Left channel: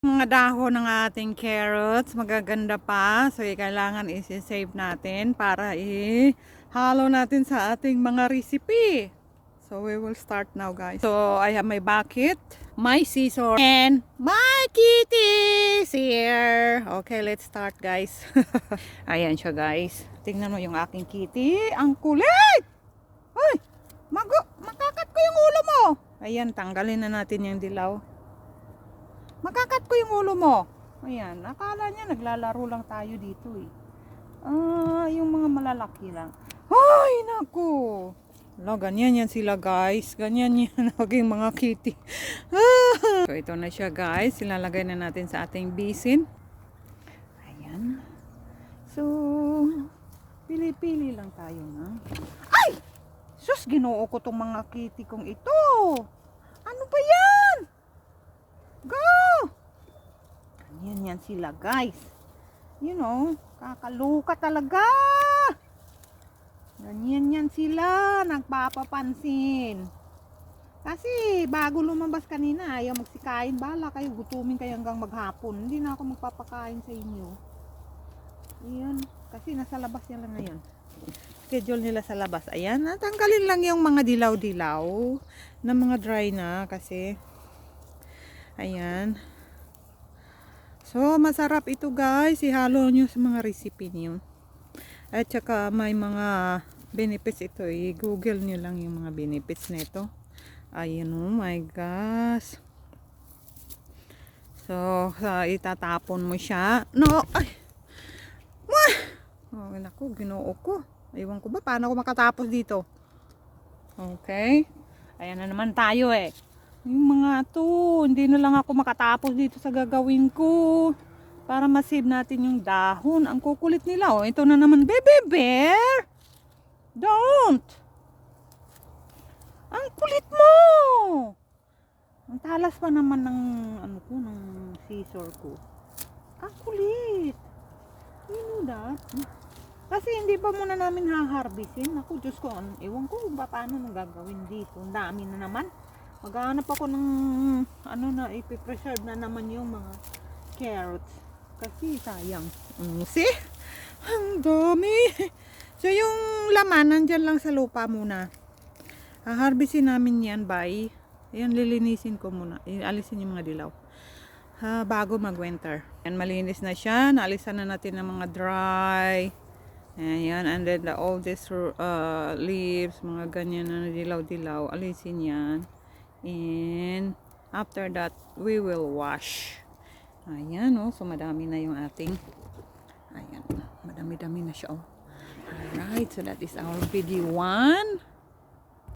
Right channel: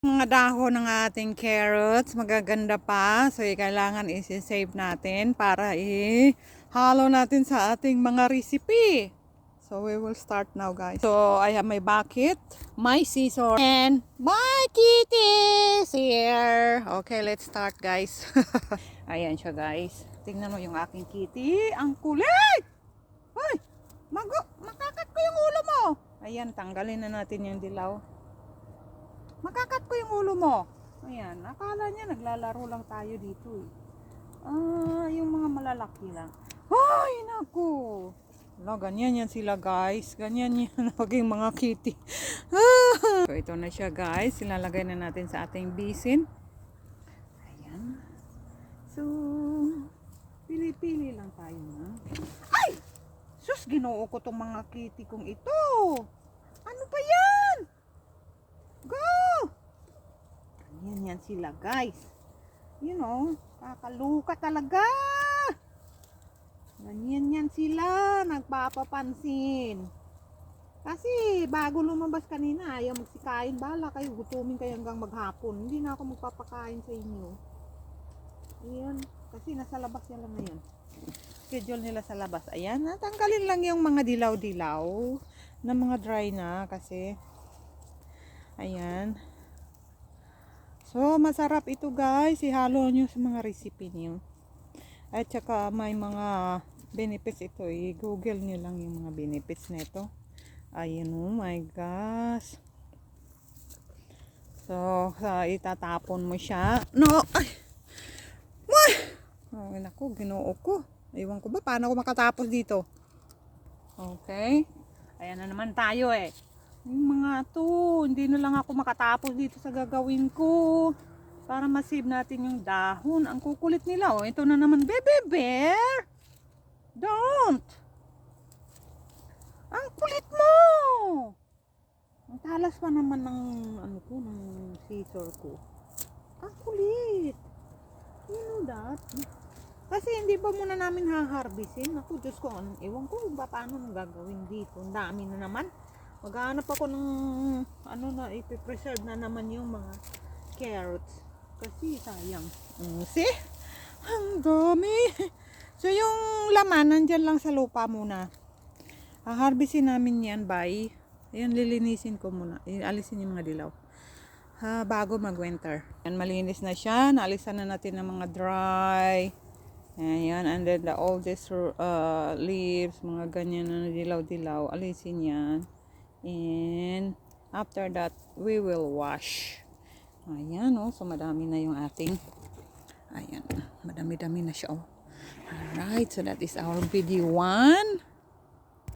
Mga dahon ng ating carrots, magaganda pa. So, kailangan isi-save natin para ihalo natin sa ating mga recipe. So, we will start now, guys. So, I have my bucket, my scissors, and my kitties here. Okay, let's start, guys. Ayan siya, guys. Tingnan mo yung aking kitty. Ang kulit! Uy! Makakat ko yung ulo mo! Ayan, tanggalin na natin yung dilaw. Makakat ko yung ulo mo. Ayan, akala niya naglalaro lang tayo dito eh. Yung mga malalaki lang. Ay, naku. Wala, ganyan yan sila, guys. Ganyan yan naging mga kitty. So, ito na siya, guys. Ilalagay na natin sa ating bisin. Ayan. So, pili-pili lang tayo na. Ay! Sus, ginoo ko tong mga kitty kong ito. Ano ba yan? Go! Ganyan yan sila, guys. You know, kakaluka talaga. Ganyan yan sila, nagpapapansin. Kasi bago lumabas kanina, ayaw magsikain. Bala kayo, gutumin kayo hanggang maghapon. Hindi na ako magpapakain sa inyo. Ayan, kasi nasa labas nila ngayon. Schedule nila sa labas. Ayan, natanggalin lang yung mga dilaw-dilaw na mga dry na kasi ayan. So, masarap ito, guys. Ihalo nyo sa mga recipe niyo. At saka may mga benefits ito. I-google nyo lang yung mga benefits na ito. Ayan, oh my gosh. So, itatapon mo siya. No! Ay! Oh, naku, ginoo ko. Ewan ko ba paano ako makatapos dito. Okay. Ayan na naman tayo eh. Yung mga to, hindi na lang ako makatapos dito sa gagawin ko. Para ma-save natin yung dahon. Ang kukulit nila. Oh, ito na naman, baby bear. Don't. Ang kulit mo. Ang talas pa naman ng ano ko, ng scissor ko. Ang kulit. You know that? Kasi hindi pa muna namin haharbisin. Ako, Diyos ko, ewan ko paano nang gagawin dito. Ang dami na naman. Maghanap ako ng ano na ipipreserve na naman yung mga carrots. Kasi sayang. See? Ang dami. So yung laman nandyan lang sa lupa muna. Haharbisin namin yan by. Ayan, lilinisin ko muna. Alisin yung mga dilaw. Bago mag-winter. Ayan, malinis na siya. Naalisan na natin ng mga dry. Ayan, and then all these leaves, mga ganyan na dilaw-dilaw. Alisin yan. And after that, we will wash. Ayan, oh. So, madami na yung ating. Ayan. Madami-dami na siya, oh. Alright. So, that is our video 1.